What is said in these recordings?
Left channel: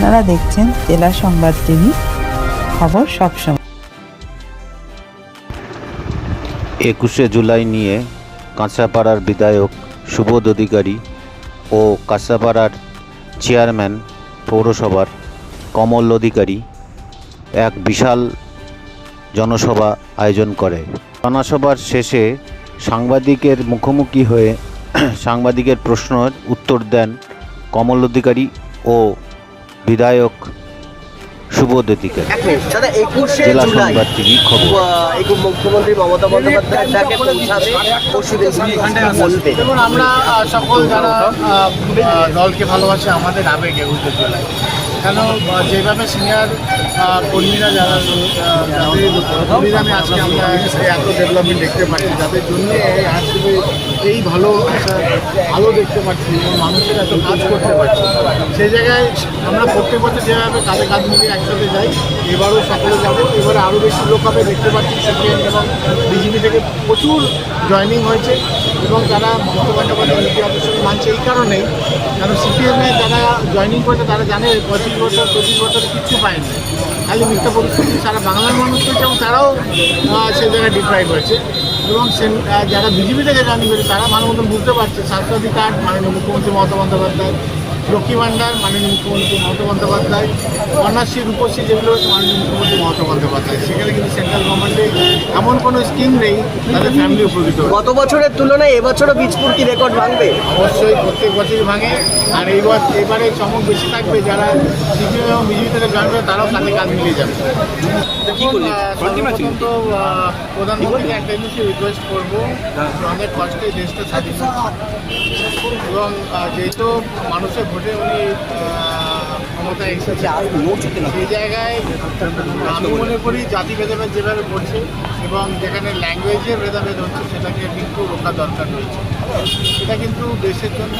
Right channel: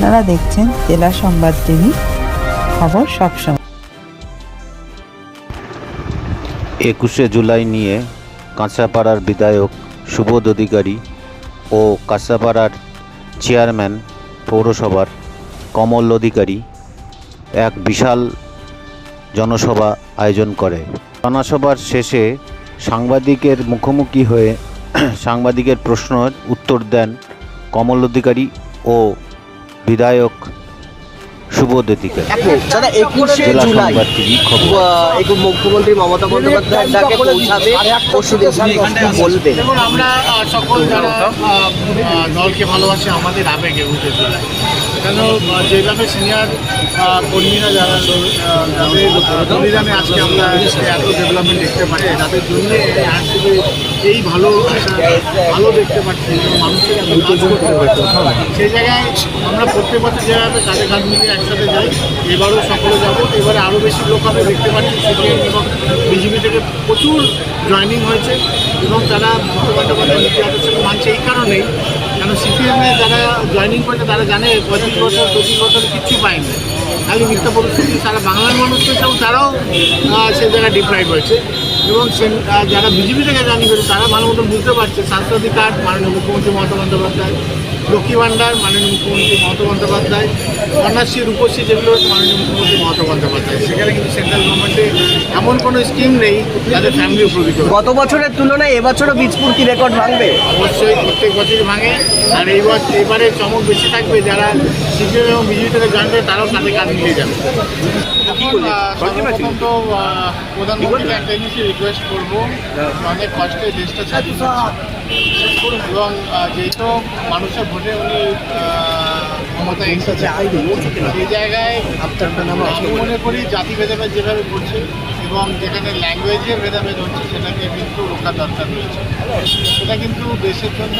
আপনারা দেখছেন জেলা সংবাদ টিভি, খবর সবসময়। একুশে জুলাই নিয়ে কাঁচাপাড়ার বিধায়ক সুবোধ অধিকারী ও কাঁচাপাড়ার চেয়ারম্যান পৌরসভার কমল অধিকারী এক বিশাল জনসভা আয়োজন করে। জনসভার শেষে সাংবাদিকের মুখোমুখি হয়ে সাংবাদিকের প্রশ্নের উত্তর দেন কমল অধিকারী ও বিধায়ক সুবোধ অধিকারী জেলা সংবাদ টিভি খবর। মুখ্যমন্ত্রী মমতা বন্দ্যোপাধ্যায় পৌঁছাবে দেখুন আমরা সকল যারা দলকে ভালোবাসে আমাদের আবেগ এগুতে চলে কেন যেভাবে সিনিয়র কর্মীরা যারা যাদের বলিদানে আজকে আমরা এত ডেভেলপমেন্ট দেখতে পাচ্ছি যাদের জন্য আজকে এই ভালো আশা ভালো দেখতে পাচ্ছি মানুষের এত কাজ করতে পারছি। সেই জায়গায় আমরা প্রত্যেক বছর যেভাবে কাঁধে কাঁধ মিলিয়ে একসাথে যাই এবারও সকলে যাব। এবারে আরও বেশি লোক হবে দেখতে পাচ্ছি সিপিএম এবং বিজেপি থেকে প্রচুর জয়নিং হয়েছে এবং তারা মমতা বন্দ্যোপাধ্যায় নীতি আদর্শকে মানছে এই কারণেই কেন সিপিএমে যারা জয়নিং করেছে তারা জানে পঁয়ত্রিশ বছর চব্বিশ বছর কিচ্ছু পায়নি। খালি মিথ্যা পরিস্থিতি সারা বাংলার মানুষ পেয়েছে এবং তারাও আহ, সে জায়গায় ডিপ্রাইভ হয়েছে। এবং যারা বিজেপি থেকে জানি করে, তারা ভালো মতন বুঝতে পারছে। স্বাস্থ্যসাথী কার্ড মাননীয় মুখ্যমন্ত্রী মমতা বন্দ্যোপাধ্যায়। লক্ষ্মী ভাণ্ডার মাননীয় মুখ্যমন্ত্রী মমতা বন্দ্যোপাধ্যায়। কন্যাশ্রী রূপশ্রী যেগুলো হচ্ছে মাননীয় মুখ্যমন্ত্রী মমতা বন্দ্যোপাধ্যায়। সেখানে কিন্তু সেন্ট্রাল গভর্নমেন্টে এমন কোনো স্কিম নেই যাদের ফ্যামিলি উপকৃত গত বছরের তুলনায় এবছরও বীজপুর কি রেকর্ড ভাঙবে? অবশ্যই প্রত্যেক বছরই ভাঙে। আর এই বছর এবারে চমক বেশি থাকবে যারা সিপিএম এবং বিজেপি থেকে জয়েন করে তারাও কাঁধে কাঁধ মিলিয়ে যাবে। দেখুন সর্বপ্রথম তো প্রধানমন্ত্রীকে একটা জিনিসই রিকোয়েস্ট করব অনেক কষ্টে দেশটা স্বাধীন হচ্ছে। এবং যেহেতু মানুষের ভোটে উনি ক্ষমতায় এসেছে, সেই জায়গায় আমি মনে করি জাতি ভেদাভেদ যেভাবে করছে এবং যেখানে ল্যাঙ্গুয়েজে ভেদাভেদ হচ্ছে, সেটাকে কিন্তু রোখা দরকার রয়েছে। সেটা কিন্তু দেশের জন্য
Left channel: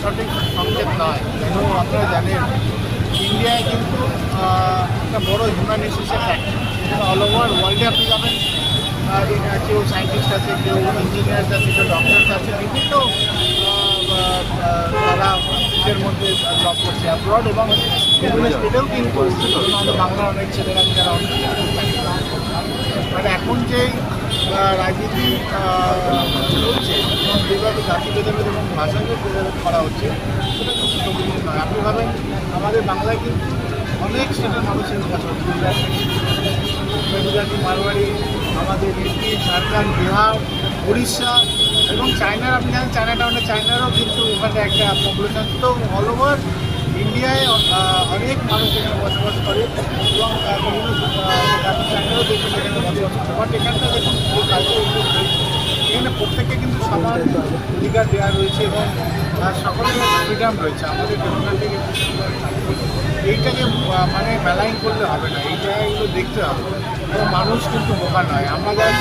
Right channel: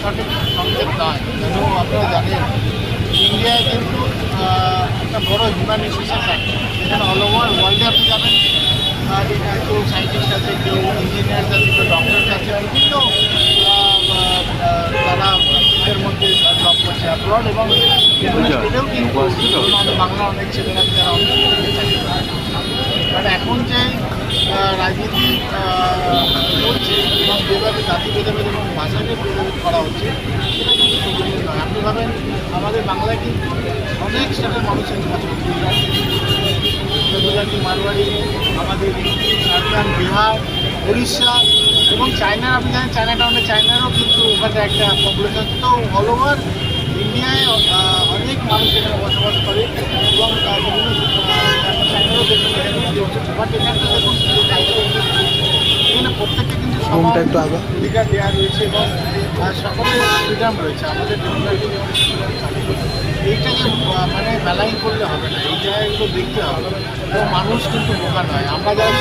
সঠিক সংকেত নয়। কেন আপনারা জানেন ইন্ডিয়ায় কিন্তু একটা বড় হিউম্যানিটিসের ফ্যাক্টর এখানে অল ওভার ওয়ার্ল্ডে আপনি যাবেন কেউ সায়েন্টিস্ট আছে, কেউ ইঞ্জিনিয়ার আছে, কেউ ডক্টর আছে, বিভিন্ন তারা ফিল্ডের মধ্যে জব করছে অ্যাব্রড এবং বিভিন্ন স্টেটেও কিন্তু আমাদের বাংলার অনেক ছেলেরা যারা অনেক চাকরি করে মানে এখন যে রাজনীতি চলছে এবং যেভাবে জাতি ভেদাভেদ এবং ভাষাকে ভেদাভেদ করা হচ্ছে, সেটা কিন্তু শোভনীয় নয়। আপনি ভাবেন, আমাদের বাংলায় কিন্তু অনেক স্টেটের মানুষের কাছে গুজরাট গুজরাটি মারোয়ারি আমাদের ইউপি ঝাড়খণ্ড বিহার উড়িষ্যা এবং চায়নার আপনি জানেন চায়না টাউনে চায়নারও কিন্তু ওখানে একটা পপুলেশন তো অল ওভার ইন্ডিয়ায় অনেক মানুষ এখানে বসবাস করে এবং চায়নারও দেখবেন এখানে বসবাস করছে। বাট এখানটা দেখুন এখানে প্রত্যেককে কিন্তু সমান অধিকার দেওয়া রয়েছে এবং সকলের ফ্রিডাম রয়েছে, আমাদের ডেমোক্রেটিক এইটাকে মানে মেলাইন করলে হবে না এই জায়গাগুলো দেখতে হবে। এবং মানুষ কিন্তু বোকা নয়। আমরা যারা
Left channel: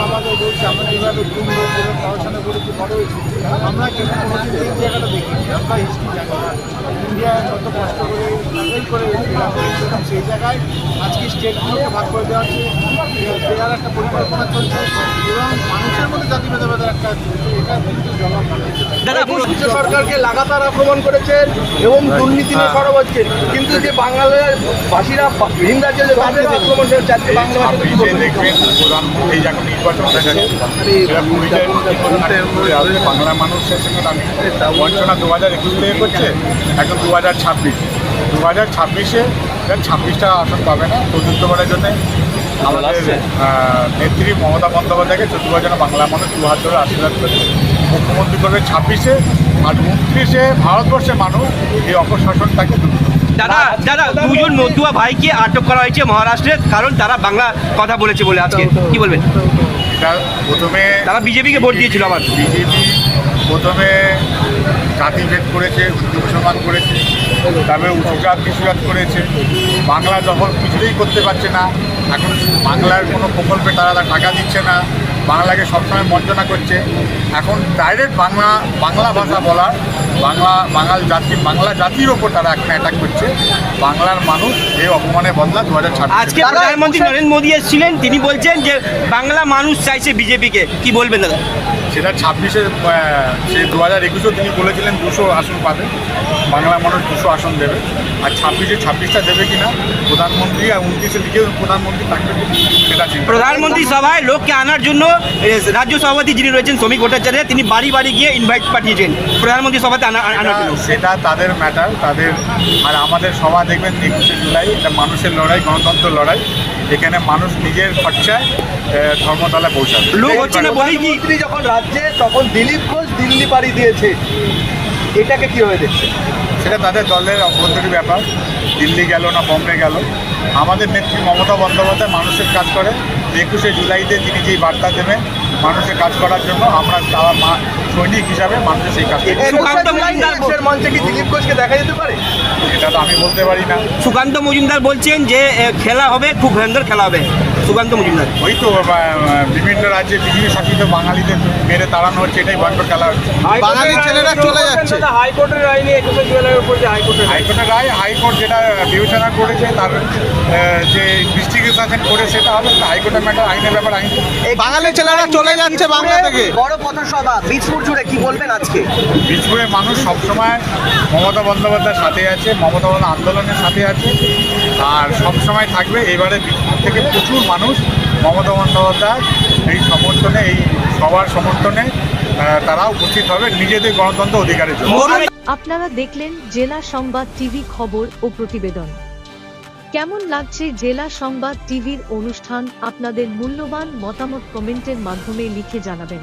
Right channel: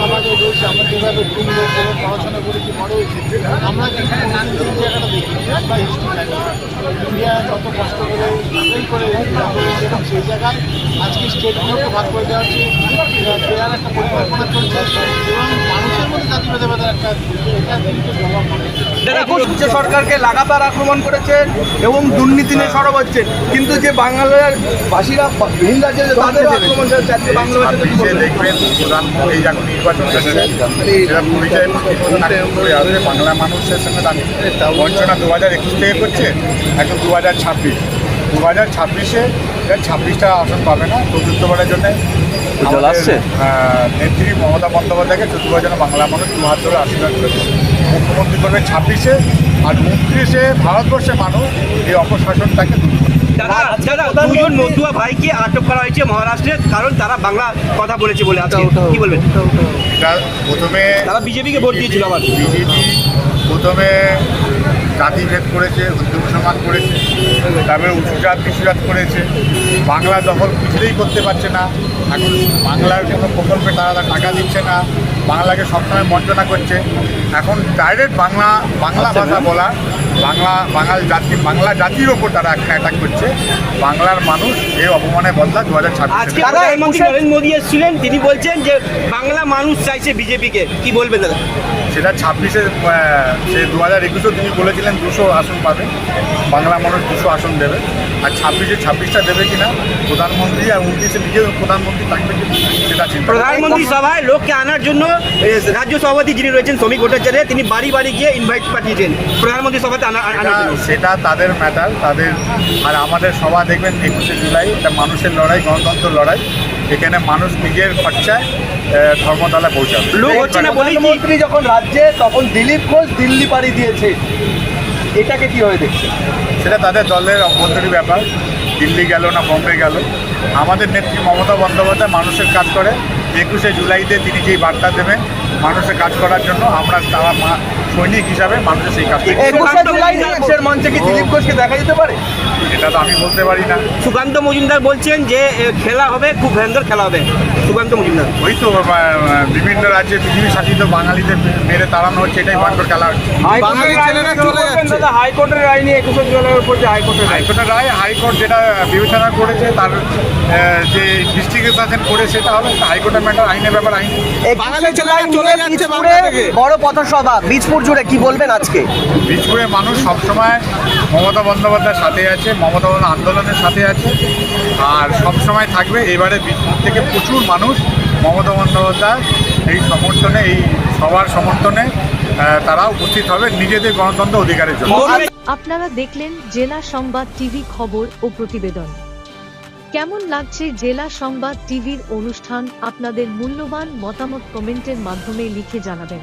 সমাজে রয়েছে, আমরা যেভাবে ঘুম যেভাবে পড়াশোনা করেছি, বড় হয়েছি, আমরা কিন্তু কোনোদিন এই জায়গাটা দেখিনি। আমরা হিস্ট্রি জানি ইন্ডিয়া কত কষ্ট করে স্ট্রাগল করে পেয়েছে এবং সেই জায়গায় আজকে স্টেটগুলোকে ভাগ করে দেওয়া হচ্ছে। দেওয়ার একটা পরিকল্পনা চলছে এবং মানুষের মধ্যে জাতি ভেদাভেদের সরকারকে লাগাতার আক্রমণ করেছেন এবং দুর্নীতি নিয়ে সরব হচ্ছেন কিন্তু যে বাংলার বাসীরা ভিন রাজ্যে তাদের আক্রমণ? দেখবেন প্রধানমন্ত্রী যখন নির্বাচন সেটা পরিচয় বাংলা মানুষের সঙ্গে দাঁড়িয়ে বঞ্চনা দু হাজার একুশ থেকে করছে এখন দু হাজার ছাব্বিশ। দু হাজার ছাব্বিশে ছাব্বিশটা আসন পাবে না চতুর্থবারের জন্য। আমাদের নেত্রী মমতা বন্দ্যোপাধ্যায়কে চতুর্থবার যেন বাংলা মানুষ দু হাত ধরে আশীর্বাদ করছে। মুখ্যমন্ত্রী করবে ছাব্বিশে আর উনত্রিশে ভারতবর্ষের মানুষ এই অপশাসনটাকে দূর দুজন মতুয়া ভাইকে আটক করা হয়েছে মহারাষ্ট্রে কারণ তারা বাংলা কথা বলেছে বলে আজকে। কি বলবেন? এটা প্রথমে তারা বিজেপিকে ভোট দিয়েছিল আমার বিজেপি প্রথমে জাতিভেদ করেছে হিন্দু মুসলমান করেছে তারপরে উঁচু জাত নিচু জাত করেছে। বাংলা দখল কিছুতেই করতে পারছে না। এখন বাংলার কোনো প্রকল্পে তারা টাকা দিচ্ছে না, বাংলাকে সবসময় বঞ্চনা করছে। এখন ডাইরেক্ট বাংলা বাংলা ভাষা বলার বাংলা বাঙাল জাতি বাংলা জাতির ওপর তারা এখন অ্যাটাক করছে। বাংলার মানুষ এই অপমানের বদলা দু হাজার আজকে প্রধানমন্ত্রী নরেন্দ্র মোদী এসেছিলেন তিনি বলছেন যে বাংলা মানুষ চাইছে বিজেপিকে। কি বলবেন দাদা? সেটা ছাব্বিশে সে দু হাজার একুশেও তিনি বলেছিলেন দুশো আসন পাবে। বাংলা মানুষ দুশো আসন দেবে। আর ছাব্বিশে ছাব্বিশটা দেবে কিনা প্রধানমন্ত্রী আর উনত্রিশে নিজের প্রধানমন্ত্রী থাকবে সেটা চিন্তা প্রধানমন্ত্রী সভায় লোককে আনার জন্য রাজ্য সভাপতি যিনি রয়েছেন শ্রমিক ভট্টাচার্য তিনি বাড়ি বাড়ি গিয়ে ইনভাইট পাঠিয়েছেন। প্রধানমন্ত্রী সভাতে সেটা সেটা তাদের ম্যাটার তাদের আর আমাদের সভা দেখবেন একুশে জুলাই এটা মানুষের লড়াই গণতন্ত্র লড়াই। এখানে মানুষ নিজের খরচায় আহ, ধর্মতলায় পৌঁছাবে। মন্ত্রী যখন রাজ্যে তখন দিলীপ ঘোষ দিল্লি পাড়ি দিয়েছে। এটাকে কীভাবে দেখছে? সেটা তাদের দলের অভ্যন্তরীণ ব্যাপার। দিল্লি গেল না বম্বে গেল? আমাদের নেত্রী মমতা বন্দ্যোপাধ্যায় মানুষের কাজ করে। একুশে জুলাইতে তিনি যেই বার্তা দেবেন মানুষের কাজ করার জন্য আমরা তারা মা সৈনিক হিসাবে মানুষের সেই কাজ করি। একুশে জুলাই দেশের মঞ্চে কি দিলীপ ঘোষকে দেখা যেতে পারে এটা তো আমি বলতে পারি না। সুকান্ত মজুমদার বলছেন যে এ, খেলা হবে খুব ভয়ঙ্কর খেলা হবে। সুকান্ত মজুমদার। ওই তো বিভিন্ন রাজ্যে পৃথিবী শাসিত বাঙালিদের মেরে তাড়ানো হচ্ছে এটাই ভয়ঙ্কর খেলা হচ্ছে। বাঙালি ছেলেরা চলে যাচ্ছে। হাইকোর্টের রায় নিয়ে একুশে জুলাইয়ের উপর যে হাইকোর্টের হাইকোর্টের রায় হাইকোর্ট যেটা বিবেচনা করেছে তার যে ইনভেস্টিগেশন করে সেটা হবে হাইকোর্টের ম্যাটার আইনের ব্যাপার আইন। এই বাঙালি ছেলেরা চলে যাচ্ছে বাংলা থেকে। বড় পথসভা বীজপুর জুড়ে কি বলবেন আজকে? বীজপুরের মানুষ সবসময় মমতা বন্দ্যোপাধ্যায়ের সাথে আছে মমতা বন্দ্যোপাধ্যায় আন্দোলনের সাথে আছে। আর সবসময় থাকবে, এবারে থেকে প্রচুর মানুষ মমতা বন্দ্যোপাধ্যায় এই সমর্থনে, এই সবার সমর্থনে তারা উপস্থিত হবে নিজেদের গণতন্ত্র অধিকারের জন্য। আপনারা দেখলেন জেলা সংবাদ টিভি খবর ও প্রতিবেদন। কেমন লাগছে জেলা সংবাদ টিভির অনুষ্ঠান? আপনাদের মূল্যবান মতামত কমেন্টের মাধ্যমে লিখে জানাবেন।